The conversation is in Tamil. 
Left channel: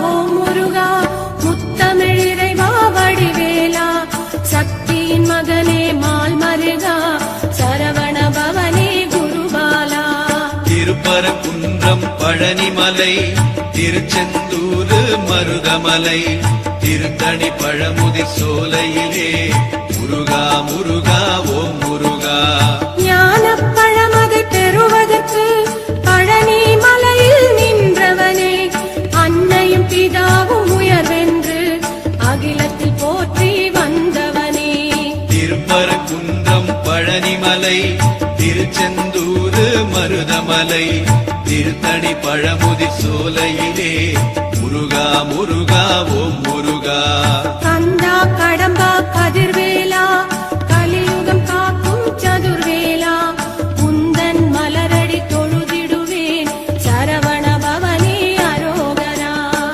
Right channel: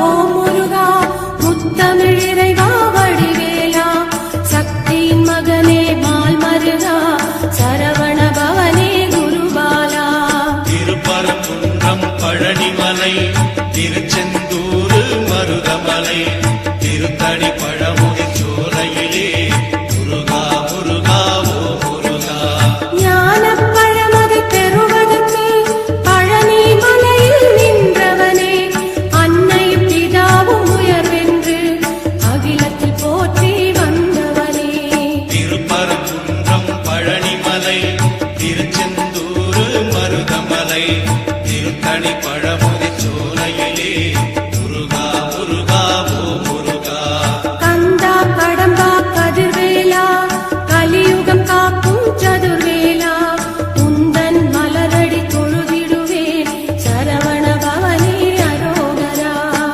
ஓம் முருகா முத்தமிழ் இறைவா வடிவேலா சக்தி மகனே மால் மருகா சரவண பவனே குருபாலா. திருப்பரங்குன்றம் பழனிமலை திருச்செந்தூர் மருதமலை திருத்தடி பழமுகை சோலையிலே முருகா